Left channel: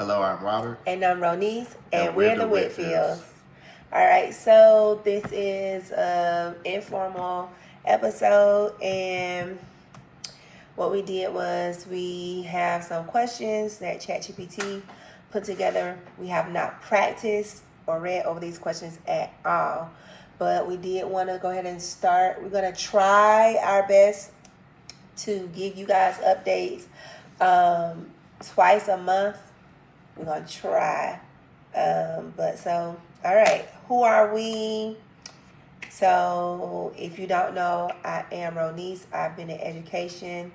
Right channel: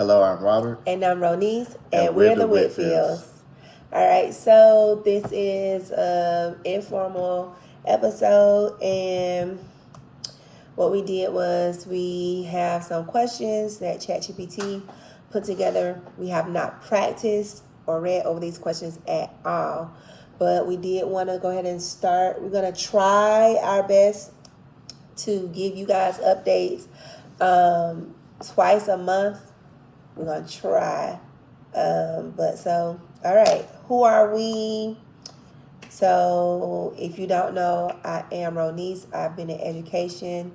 Hello, I'm Robert. And I'm Ronice, And and we're we're the the Whitfields. Whitfields. All right, so this is an informal episode, and what we did was we have some questions that ChatGPT put together. We have not practiced or read over these questions at all, but we did want to go ahead and start. We're going to try our best to give you guys updates twice a month. We're going to try. All right, who are we? So, if you don't know, I am Ronice. I've been in education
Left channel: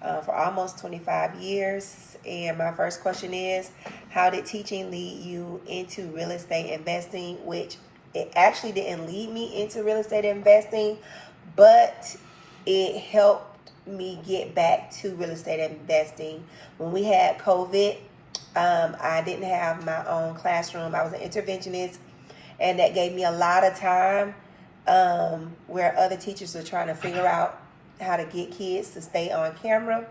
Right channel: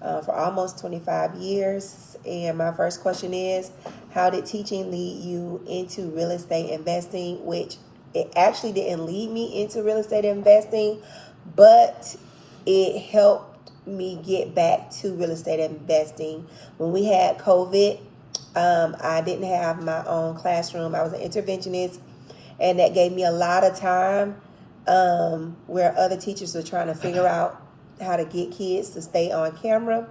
for almost 25 years. And my first question is, how did teaching lead you into real estate investing? Which it actually didn't lead me into real estate investing, but it helped me get back to real estate investing. When we had COVID, I didn't have my own classroom. I was an interventionist, and that gave me a lot of time where other teachers were trying to figure out how to get kids to stay on camera.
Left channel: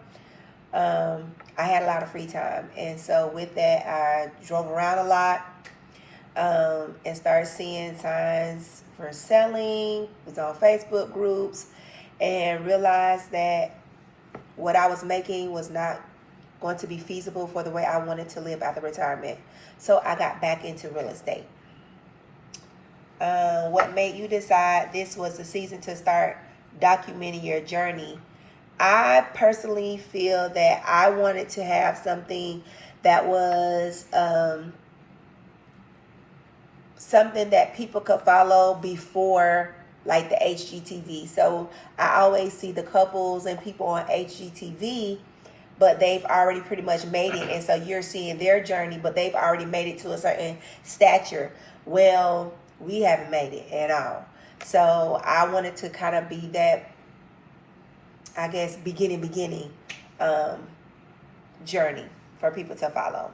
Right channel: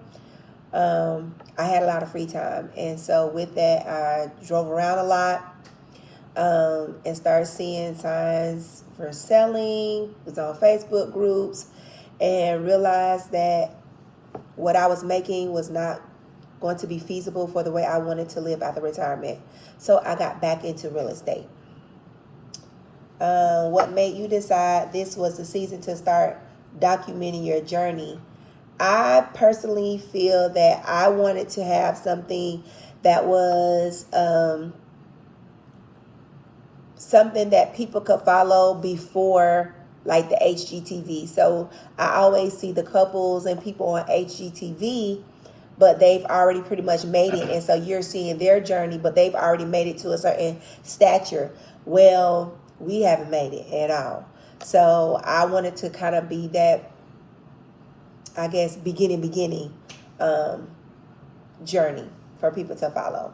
I had a lot of free time, and so with that, I drove around a lot and started seeing signs for selling. Was on Facebook groups, and realized that what I was making was not going to be feasible for the way I wanted to live after retirement. So I got back into real estate. What made you decide this was the season to start documenting your journey? I personally feel that I wanted to have something that was something that people could follow before, like the HGTV. So I always see the couples and people on HGTV, but they've already pretty much made it. And so you're seeing their journey, but they've already made it to a certain stature. Well, we haven't made it at all. So I wanted to kind of be that, I guess, beginning journey for people to follow.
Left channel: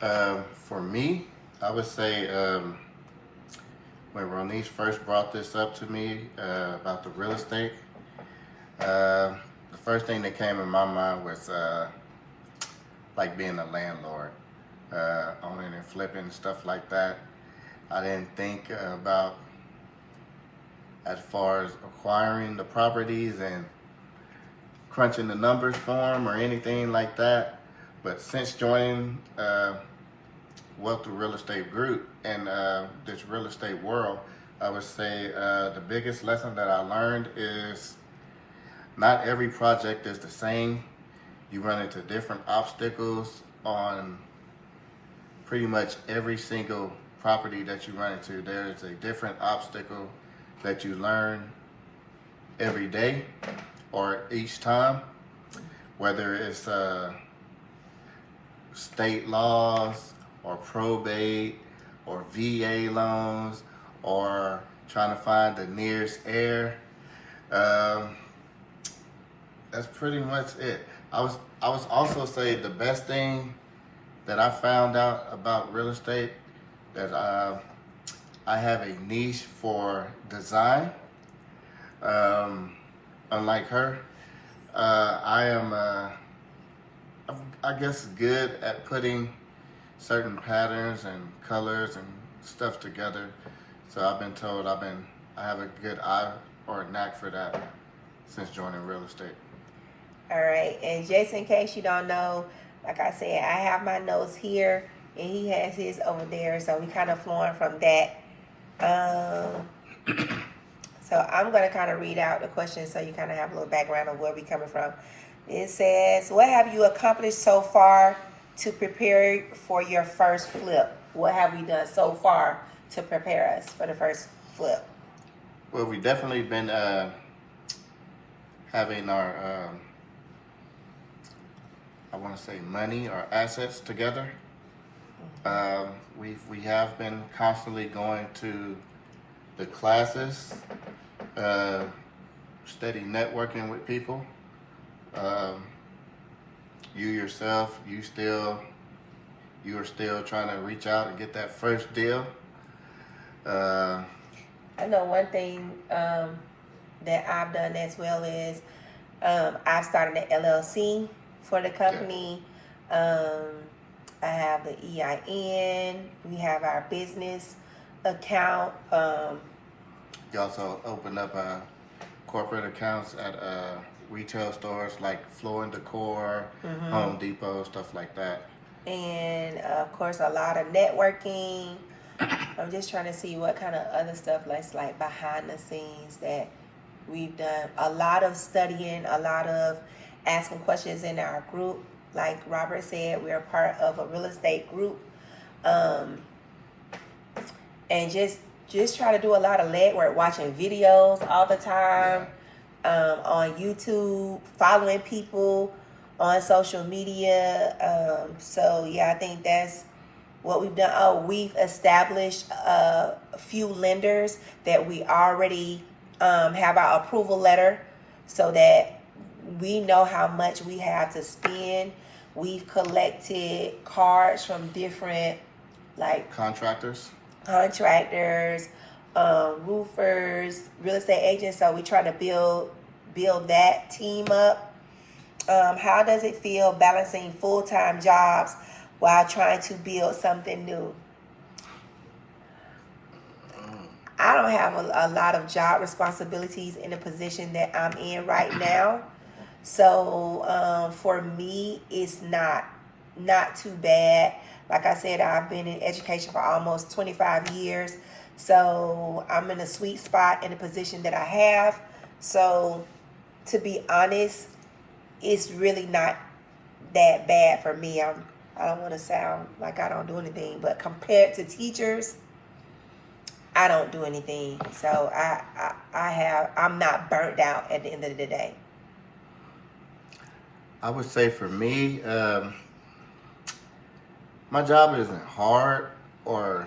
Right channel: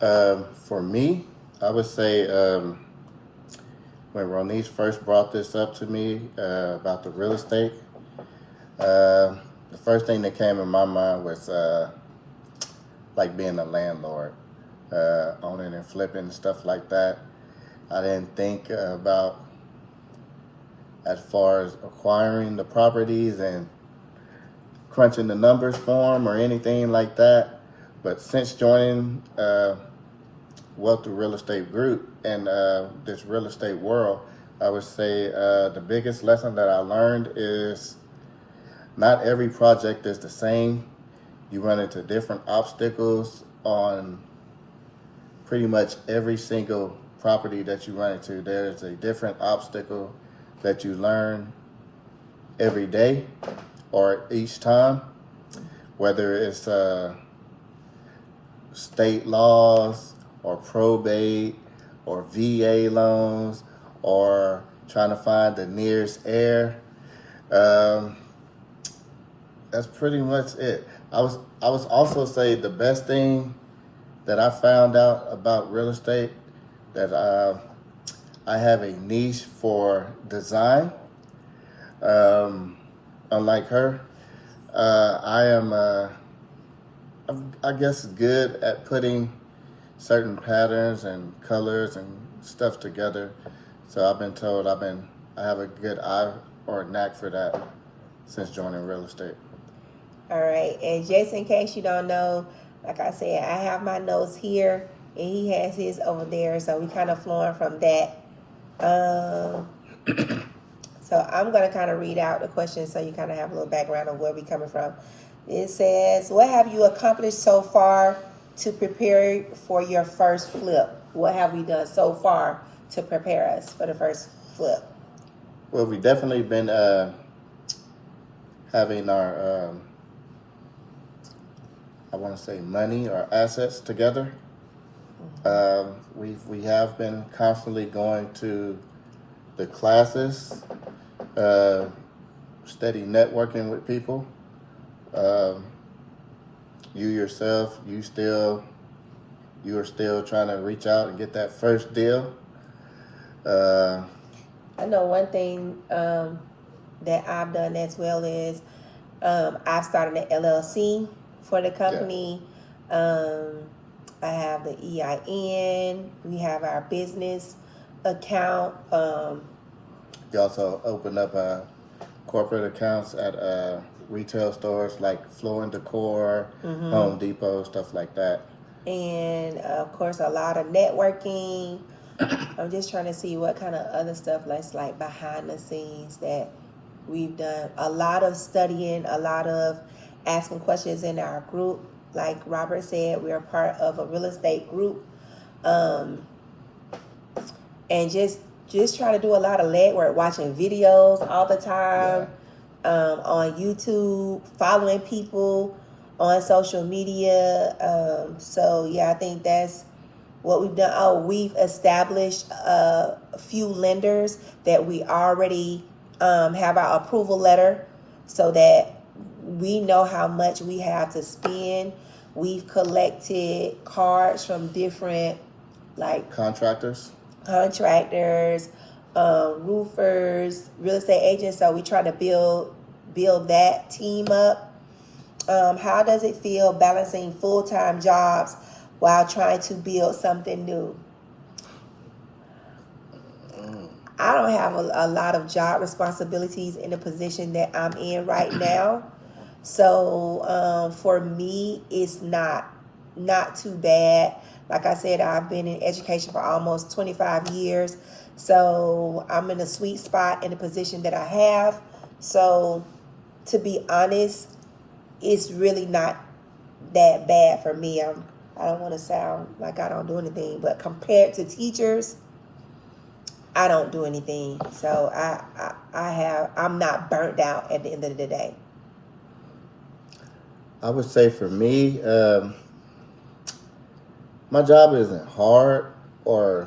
For me, I would say when Ronice first brought this up to me about the real estate, the first thing that came in my mind was like being a landlord, owning and flipping, stuff like that. I didn't think about as far as acquiring the properties and crunching the numbers for them or anything like that. But since joining Wealth Through Real Estate Group and this real estate world, I would say the biggest lesson that I learned is not every project is the same. You run into different obstacles on pretty much every single property that you run into. There is a different obstacle that you learn every day or each time, whether it's state laws or probate or VA loans or trying to find the nearest heir. That's pretty much it. I was also say the best thing that I found out about real estate, that I have a niche for design. Unlike her, I am I guess good at putting certain patterns and colors and stuff together. So I've been told I have a good eye or a knack for that since joining real estate. All right, and just in case you don't know, like I said, I have my notes here, and he has his over there, so we kind of flowing from that. So I'm going to kind of read out the question so you kind of have a little background of where we're coming from. It says, what have you accomplished so far to prepare for your first flip? What have we done so far to prepare us for the first flip? Well, we've definitely been having our, I want to say, money or assets together. We have been constantly going to the classes, steady networking with people. You yourself, you are still trying to reach out and get that first deal. I know one thing that I've done as well is I've started an LLC for the company. I have the EIN. We have our business account. You also open up corporate accounts at retail stores like Floor and Decor, Home Depot, stuff like that. And of course, a lot of networking. I'm just trying to see what kind of other stuff like behind the scenes that we've done. A lot of studying, a lot of asking questions in our group. Like Robert said, we're a part of a real estate group. And just try to do a lot of legwork, watching videos all the time, on YouTube, following people on social media. So yeah, I think that's what we've done. Oh, we've established a few lenders that we already have our approval letter, so that we know how much we have to spend. We've collected cards from different Contractors, roofers, real estate agents. So we try to build that team up. How does it feel balancing full-time jobs while trying to build something new? I don't have a lot of job responsibilities in the position that I'm in right now. So for me, it's not too bad. Like I said, I've been in education for almost 25 years. So I'm in a sweet spot in the position that I have. So to be honest, it's really not that bad for me. I don't want to sound like I don't do anything, but compared to teachers, I don't do anything. So I'm not burnt out at the end of the day. I would say for me, my job isn't hard or,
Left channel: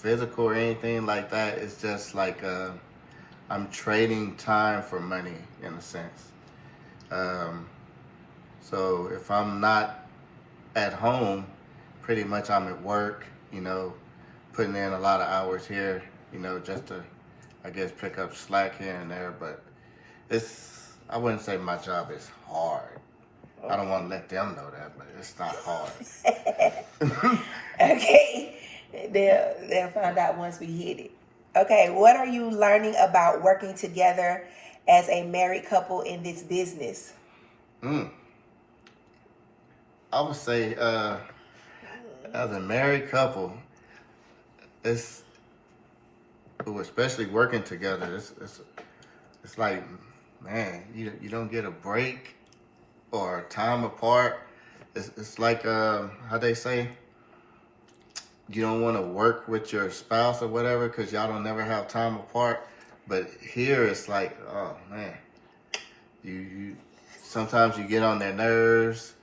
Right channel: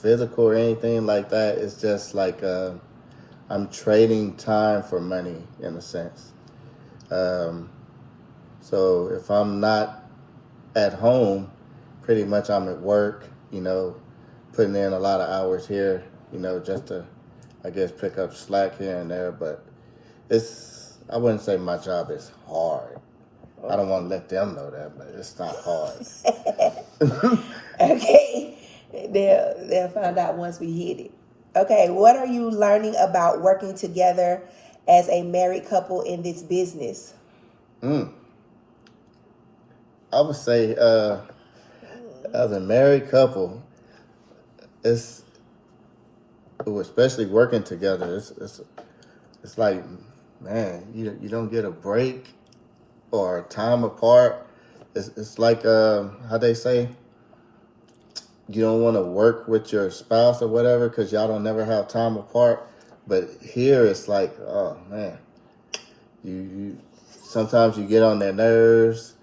physical or anything like that. It's just like I'm trading time for money in a sense. So if I'm not at home, pretty much I'm at work, putting in a lot of hours here, just to, I guess, pick up slack here and there. But I wouldn't say my job is hard. I don't want to let them know that, but it's not hard. Okay. They'll find out once we hit it. Okay, what are you learning about working together as a married couple in this business? I would say, as a married couple, especially working together, it's like, man, you don't get a break or time apart. It's like how they say, you don't want to work with your spouse or whatever because y'all don't never have time apart. But here it's like, oh man, you sometimes you get on their nerves.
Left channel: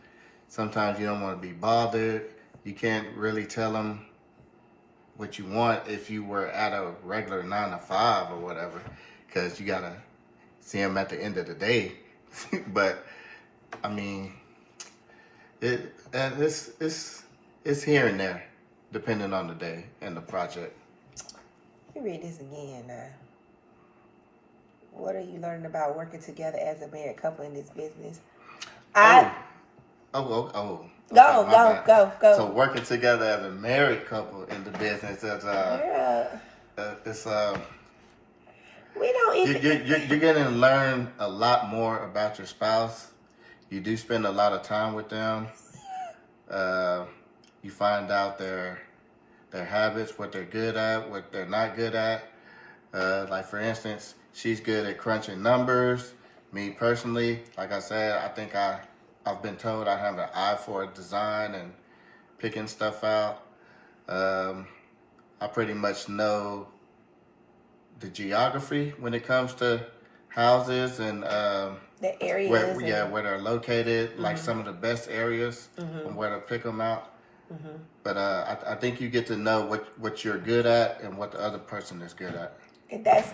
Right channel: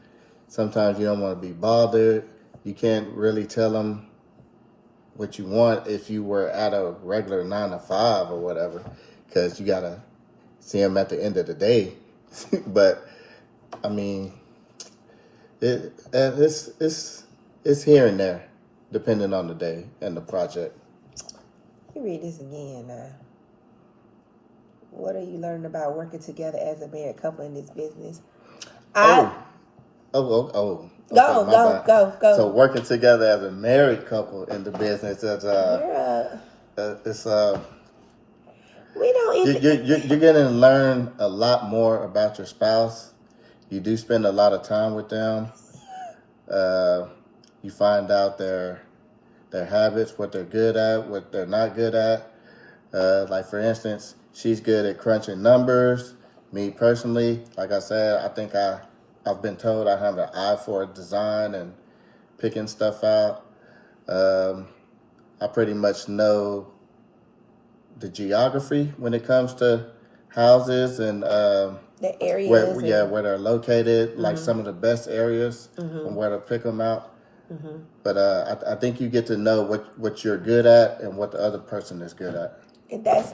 Sometimes you don't want to be bothered. You can't really tell them what you want if you were at a regular 9 to 5 or whatever, because you gotta see them at the end of the day. But I mean, it's here and there, depending on the day and the project. Let me read this again now. What are you learning about working together as a married couple in this business? Okay, Go. So working together as a married couple in the business is it's we don't even. You're gonna learn a lot more about your spouse. You do spend a lot of time with them. You find out their habits, what they're good at, what they're not good at. Like for instance, she's good at crunching numbers. Me personally, like I said, I think I've been told I have an eye for design and picking stuff out. I pretty much know the geography when it comes to houses and the areas. where they're located, like some of the best areas and where to pick them out. But I think you get to know what you're good at and what the other person is good at. And that's,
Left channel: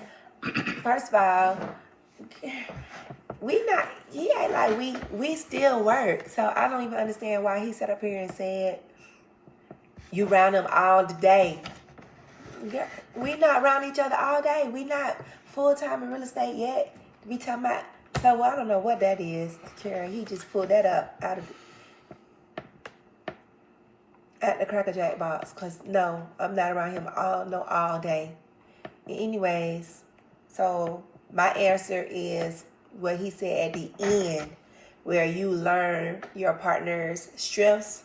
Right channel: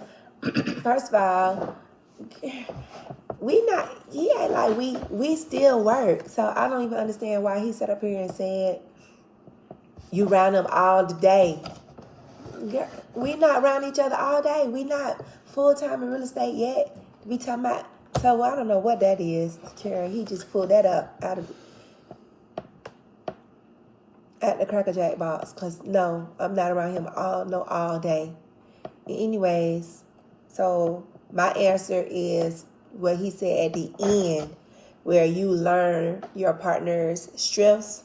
first of all, we still work. So I don't even understand why he sat up here and said, you round them all the day. We not around each other all day. We not full-time in real estate yet. We talking about, so I don't know what that is, Karen. He just pulled that up out of At the Cracker Jack box, because no, I'm not around him all day. Anyways, so my answer is what he said at the end, where you learn your partner's strengths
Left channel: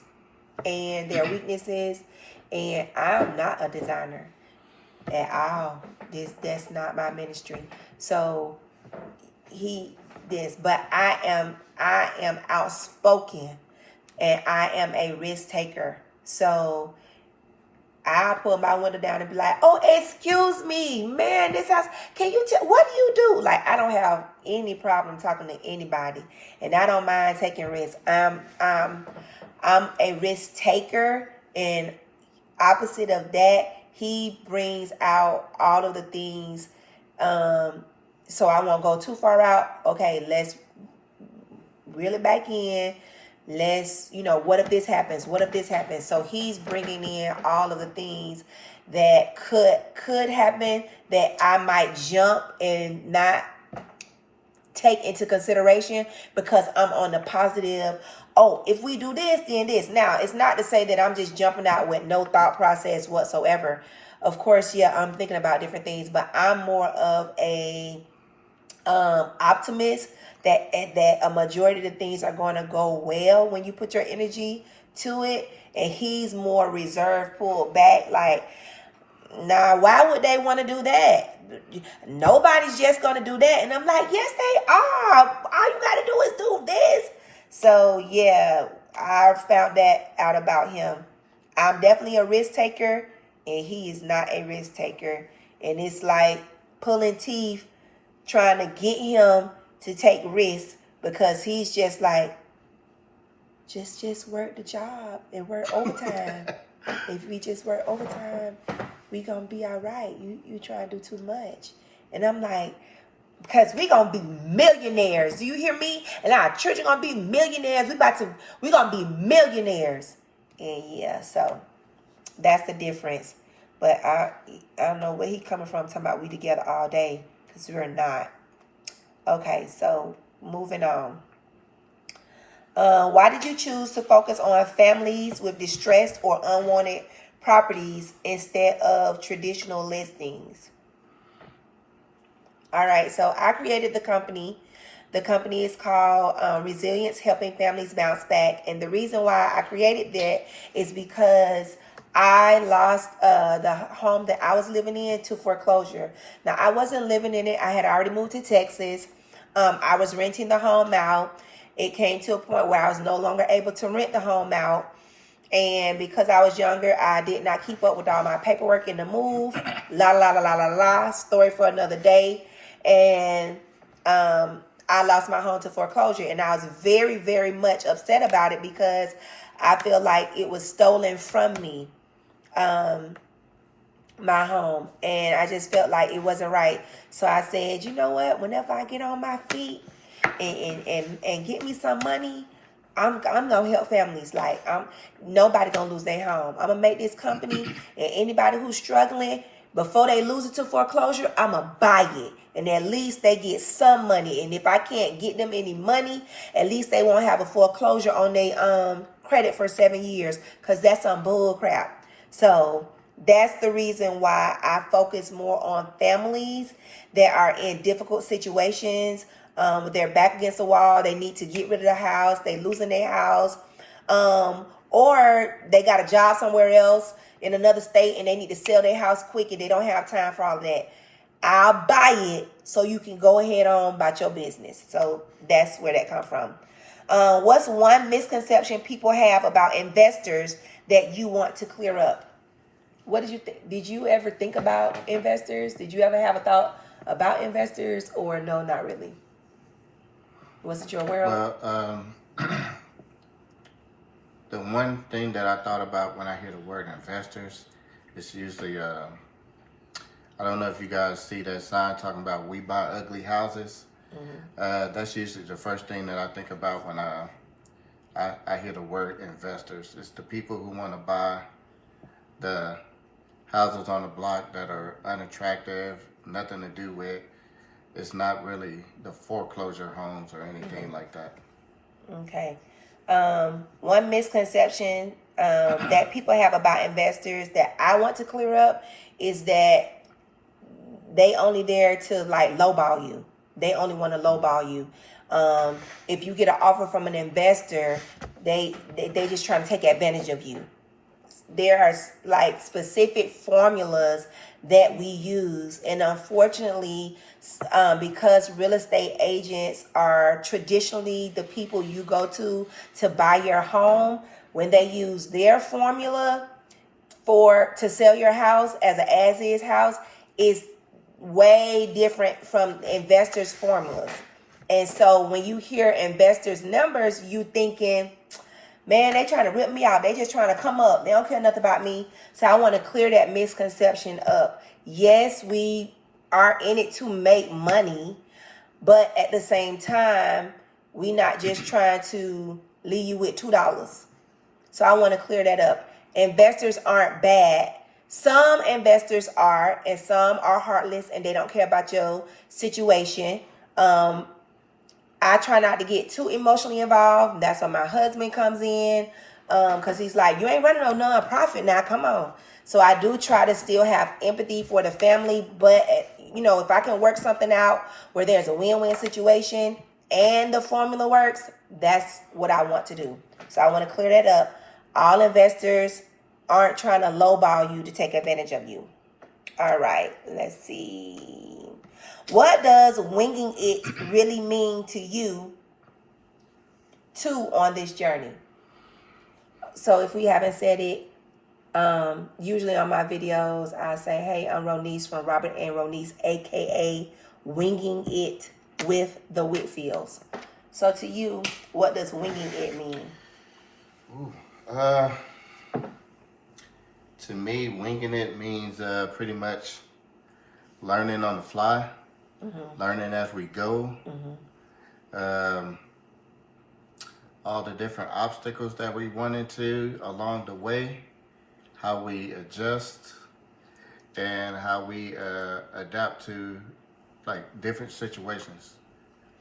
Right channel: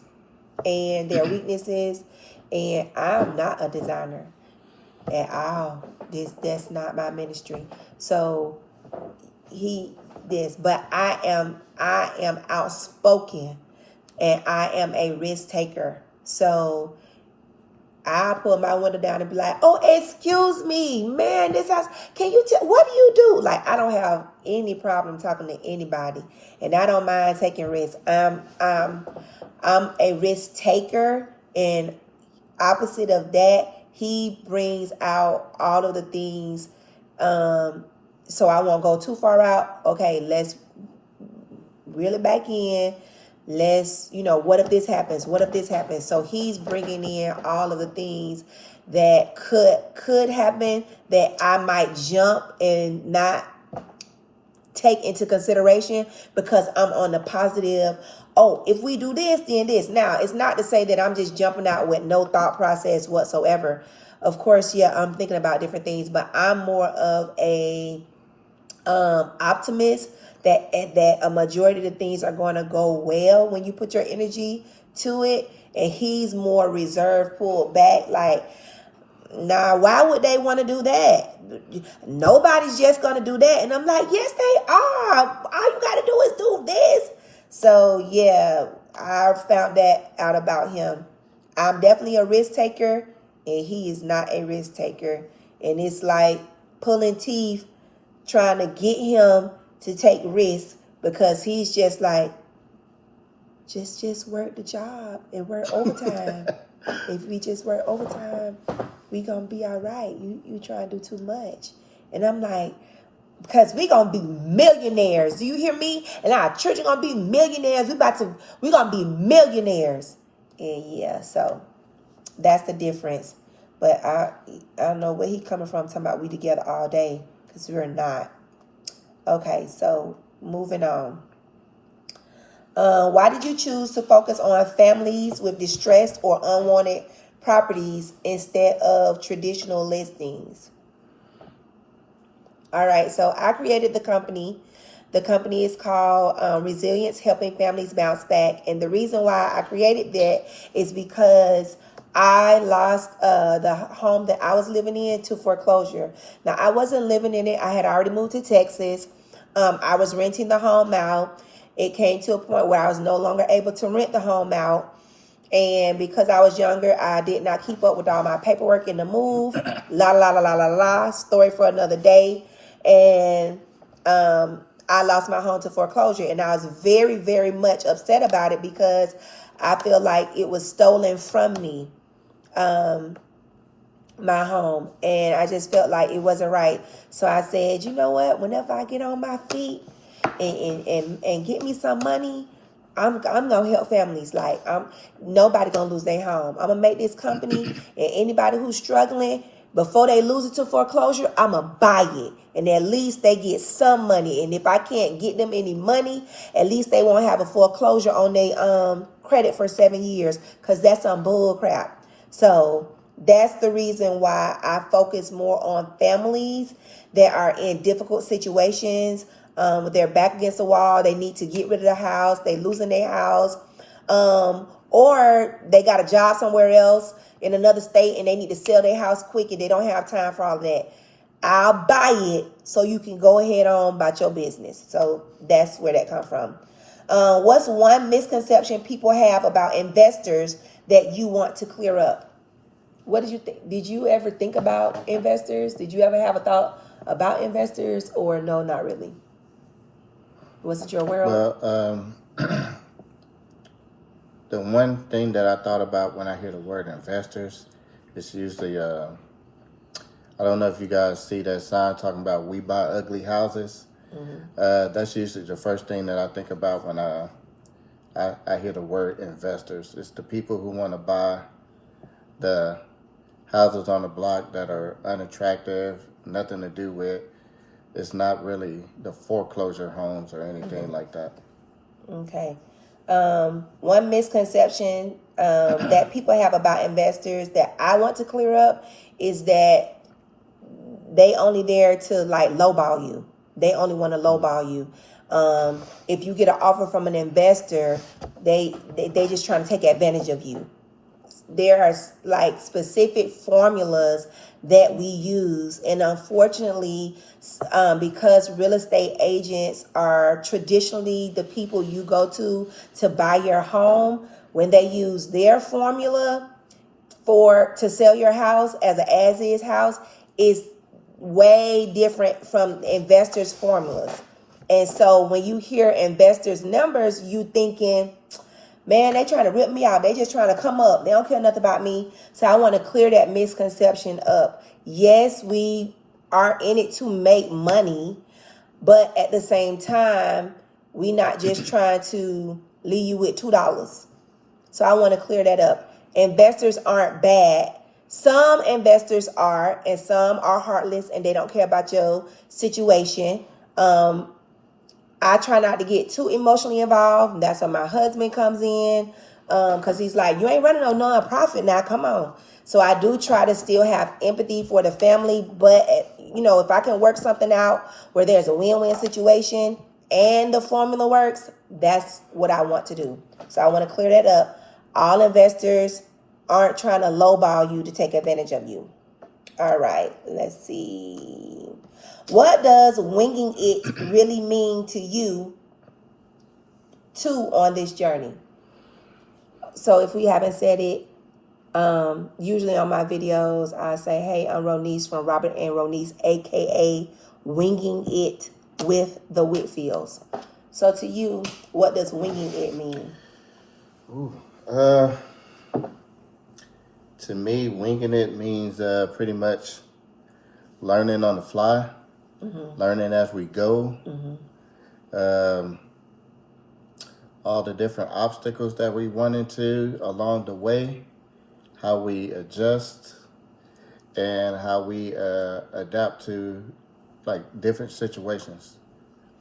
and their weaknesses. And I'm not a designer at all. That's not my ministry. So but I am outspoken and I am a risk taker. So I pull my window down and be like, "Oh, excuse me, man, this house. Can you tell what do you do?" Like, I don't have any problem talking to anybody, and I don't mind taking risks. I'm a risk taker, and opposite of that, he brings out all of the things. So I won't go too far out. Okay, let's reel it back in. Let's, what if this happens? What if this happens? So he's bringing in all of the things that could happen that I might jump and not take into consideration because I'm on the positive. Oh, if we do this, then this. Now, it's not to say that I'm just jumping out with no thought process whatsoever. Of course, yeah, I'm thinking about different things, but I'm more of a optimist that a majority of the things are going to go well when you put your energy to it. And he's more reserved, pulled back, like, nah, why would they want to do that? Nobody's just going to do that. And I'm like, yes, they are. All you got to do is do this. So, yeah, I found that out about him. I'm definitely a risk taker, and he is not a risk taker. And it's like pulling teeth trying to get him to take risks because he's just like, just work the job and work overtime. If we just work overtime, we gonna be all right. You trying to do too much. And I'm like, because we gonna be millionaires. Do you hear me? And our children gonna be millionaires. We gonna be millionaires. And yeah, so that's the difference. But I don't know where he coming from talking about we together all day, because we're not. Okay, so moving on. Why did you choose to focus on families with distressed or unwanted properties instead of traditional listings? All right, so I created the company. The company is called Resilience, Helping Families Bounce Back. And the reason why I created that is because I lost the home that I was living in to foreclosure. Now, I wasn't living in it. I had already moved to Texas. I was renting the home out. It came to a point where I was no longer able to rent the home out. And because I was younger, I did not keep up with all my paperwork in the move. La, la, la, la, la, la. Story for another day. And I lost my home to foreclosure. And I was very, very much upset about it because I feel like it was stolen from me, my home. And I just felt like it wasn't right. So I said, you know what? Whenever I get on my feet and get me some money, I'm gonna help families. Like, nobody gonna lose their home. I'm gonna make this company, and anybody who's struggling, before they lose it to foreclosure, I'm gonna buy it, and at least they get some money. And if I can't get them any money, at least they won't have a foreclosure on their credit for 7 years, because that's some bull crap. So that's the reason why I focus more on families that are in difficult situations. They're back against the wall. They need to get rid of the house. They losing their house. Or they got a job somewhere else in another state and they need to sell their house quick and they don't have time for all of that. I'll buy it so you can go ahead on about your business. So that's where that comes from. What's one misconception people have about investors that you want to clear up? What did you think? Did you ever think about investors? Did you ever have a thought about investors, or no, not really? Was it your world? Well, the one thing that I thought about when I hear the word investors is usually, I don't know if you guys see that sign talking about we buy ugly houses. Mm-hmm. That's usually the first thing that I think about when I hear the word investors. It's the people who want to buy the houses on the block that are unattractive, nothing to do with. It's not really the foreclosure homes or anything like that. Okay. One misconception that people have about investors that I want to clear up is that they only there to like lowball you. They only want to lowball you. If you get an offer from an investor, they just trying to take advantage of you. There are like specific formulas that we use, and unfortunately, because real estate agents are traditionally the people you go to buy your home, when they use their formula to sell your house as an as is house, is way different from investors' formulas. And so when you hear investors' numbers, you thinking, man, they trying to rip me out. They just trying to come up. They don't care nothing about me. So I want to clear that misconception up. Yes, we are in it to make money, but at the same time, we not just trying to leave you with $2. So I want to clear that up. Investors aren't bad. Some investors are, and some are heartless and they don't care about your situation. I try not to get too emotionally involved. That's when my husband comes in, because he's like, you ain't running no nonprofit now, come on. So I do try to still have empathy for the family, but if I can work something out where there's a win-win situation and the formula works, that's what I want to do. So I want to clear that up. All investors aren't trying to lowball you to take advantage of you. All right, let's see. What does winging it really mean to you too on this journey? So if we haven't said it, usually on my videos, I say, hey, I'm Ronice from Robert and Ronice, aka Winging It with the Whitfields. So to you, what does winging it mean? To me, winging it means pretty much learning on the fly, learning as we go. All the different obstacles that we run into along the way, how we adjust, and how we adapt to like different situations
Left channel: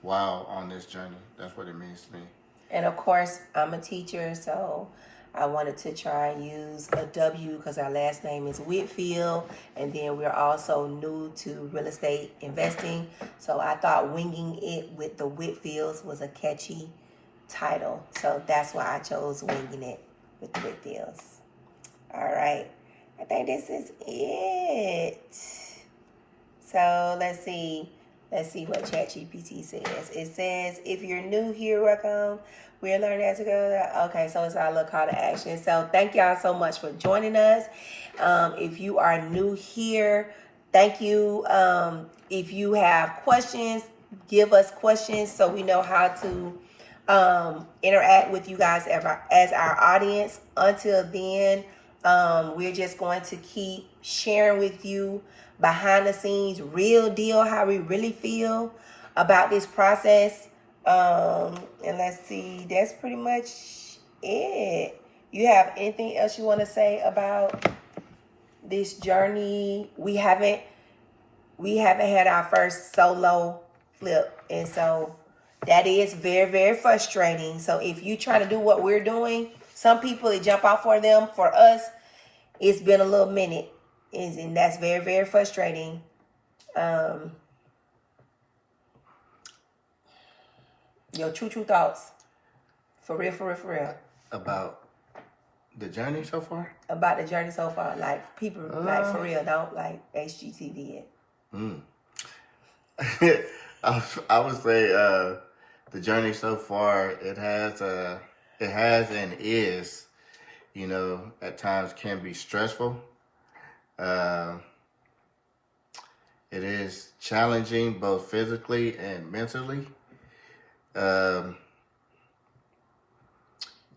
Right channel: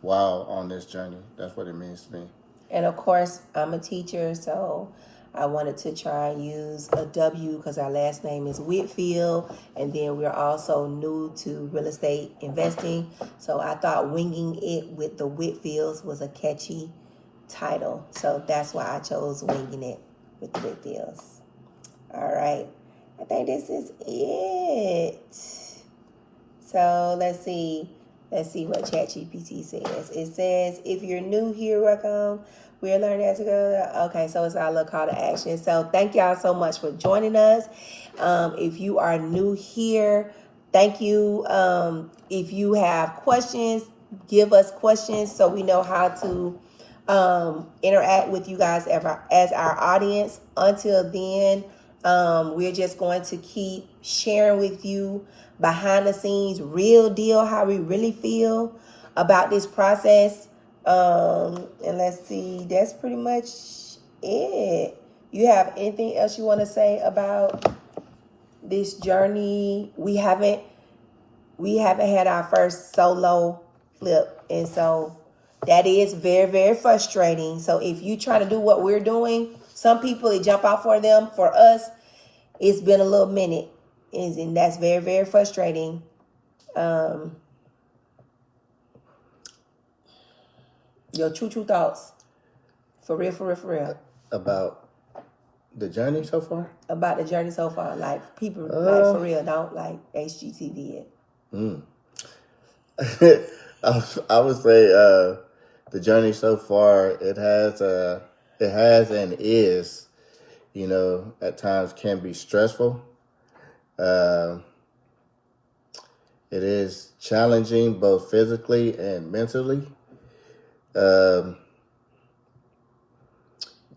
while on this journey. That's what it means to me. And of course, I'm a teacher, so I wanted to try and use a W because our last name is Whitfield, and then we're also new to real estate investing. So I thought Winging It with the Whitfields was a catchy title. So that's why I chose Winging It with the Whitfields. All right. I think this is it. So let's see what ChatGPT says. It says, if you're new here, welcome. We're learning as we go. Okay, so it's our little call to action. So thank y'all so much for joining us. If you are new here, thank you. If you have questions, give us questions so we know how to interact with you guys as our audience. Until then, we're just going to keep sharing with you behind the scenes, real deal, how we really feel about this process. And let's see, that's pretty much it. You have anything else you want to say about this journey? We haven't had our first solo flip, and so that is very, very frustrating. So if you trying to do what we're doing, some people it jump out for them. For us, it's been a little minute, and that's very, very frustrating. Your true thoughts, for real. About the journey so far? About the journey so far, like people, like for real, don't like HGTV it. I would say the journey so far, it has and is, at times can be stressful. It is challenging both physically and mentally.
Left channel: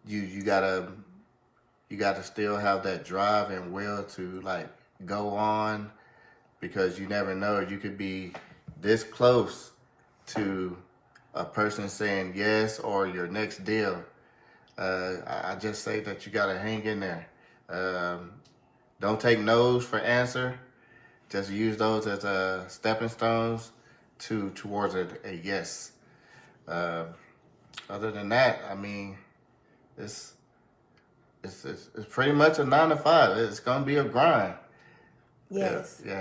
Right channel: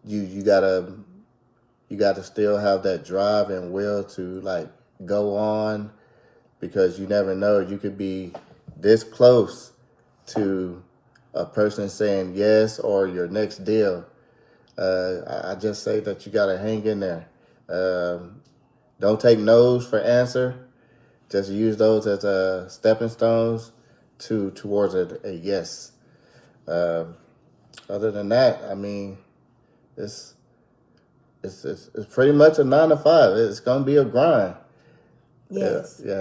You gotta still have that drive and will to like go on, because you never know, you could be this close to a person saying yes or your next deal. I just say that you gotta hang in there. Don't take no's for answer. Just use those as stepping stones towards a yes. Other than that, I mean, it's pretty much a 9 to 5. It's gonna be a grind. Yes. Yeah.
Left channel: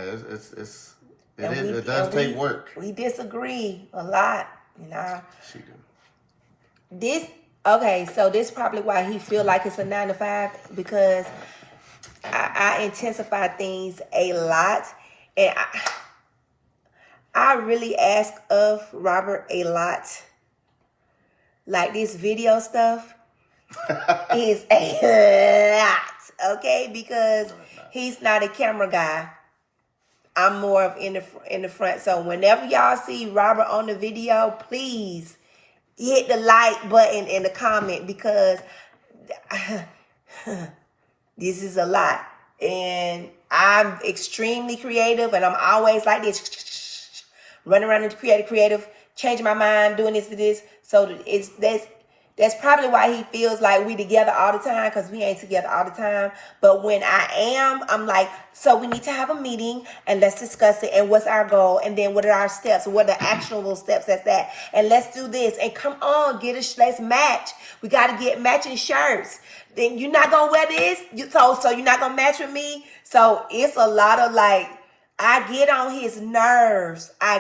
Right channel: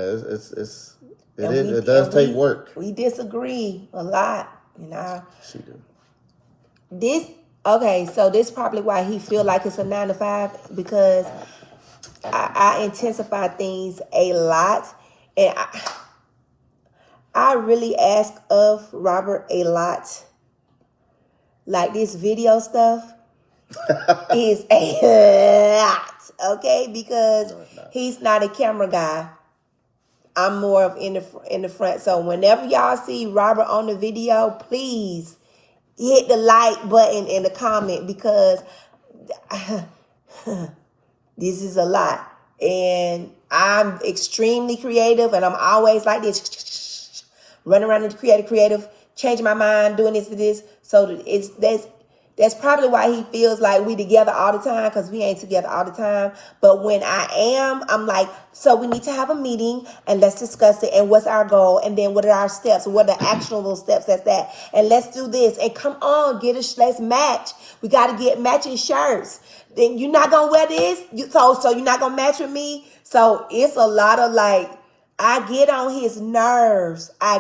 It does take work. We disagree a lot, you know. She do. So this probably why he feel like it's a 9 to 5, because I intensify things a lot, and I really ask of Robert a lot. Like this video stuff is a lot, okay? Because he's not a camera guy. I'm more of in the front. So whenever y'all see Robert on the video, please hit the like button in the comment, because this is a lot. And I'm extremely creative, and I'm always like this, running around and creative, changing my mind, doing this. So that's probably why he feels like we together all the time, because we ain't together all the time. But when I am, I'm like, so we need to have a meeting and let's discuss it, and what's our goal, and then what are our steps, what are the actionable steps, that's that, and let's do this, and come on, let's match. We got to get matching shirts. Then you're not gonna wear this, so you're not gonna match with me. So it's a lot of like, I get on his nerves. I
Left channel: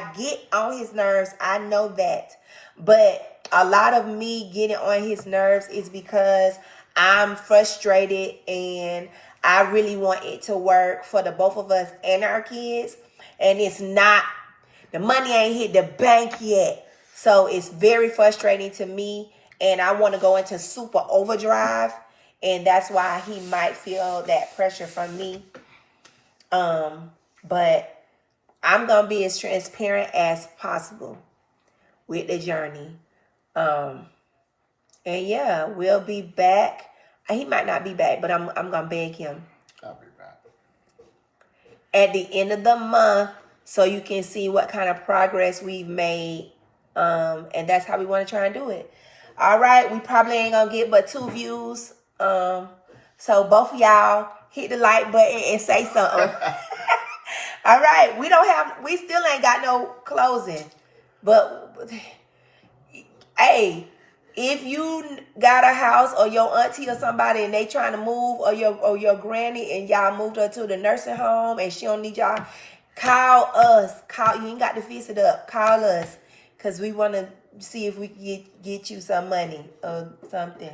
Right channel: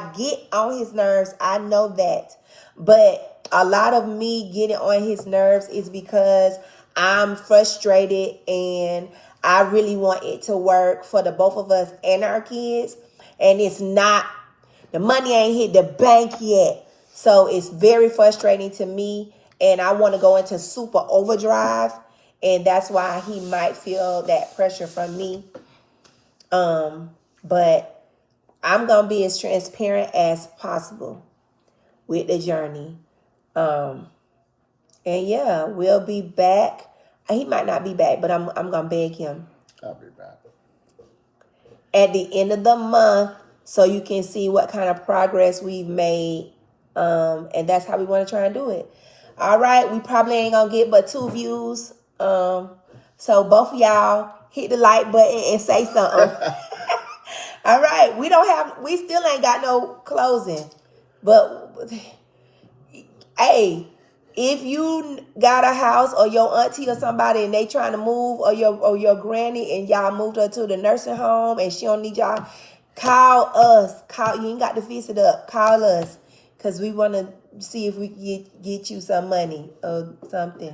know that. But a lot of me getting on his nerves is because I'm frustrated, and I really want it to work for the both of us and our kids. And it's not, the money ain't hit the bank yet. So it's very frustrating to me, and I want to go into super overdrive. And that's why he might feel that pressure from me. But I'm going to be as transparent as possible with the journey. And yeah, we'll be back. He might not be back, but I'm going to beg him. I'll be back At the end of the month, so you can see what kind of progress we've made. And that's how we want to try and do it. All right. We probably ain't going to get but 2 views. So both of y'all hit the like button and say something. All right. We still ain't got no closing. But hey, if you got a house, or your auntie or somebody, and they trying to move, or your granny, and y'all moved her to the nursing home and she don't need y'all, call us. You ain't got to fix it up. Call us, because we want to see if we can get you some money or something.